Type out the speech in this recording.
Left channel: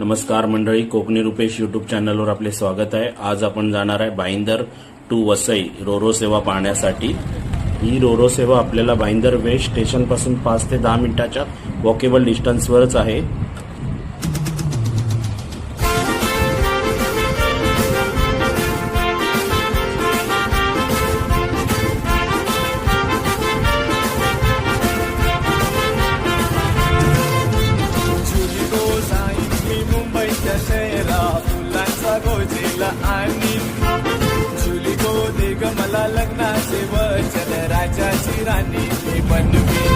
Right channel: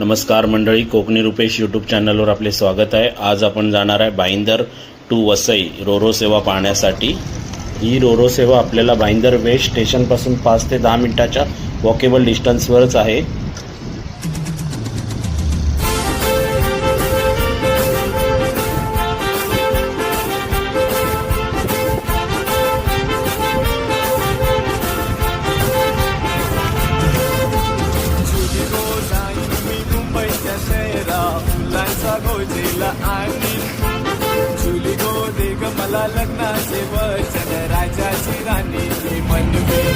नमस्कार मंडळी, कोकणी रुपेश यूट्यूब चॅनलवर आपले स्वागत आहे। आज आपण जाणार आहे भाईंदर टू वसई रोरो सेवा पाहण्यासाठी। ही रोरो सेवा आपल्याला भाईंदर वेस्ट स्टेशनपासून 5 ते 10 मिनिटाच्या वॉकेबल डिस्टन्सवरच आहे। शहरा फुलांचा गोजेला आणि जुली गो दे ग मला लग्नाचे वचन, राजाची राणी मी बनवीन।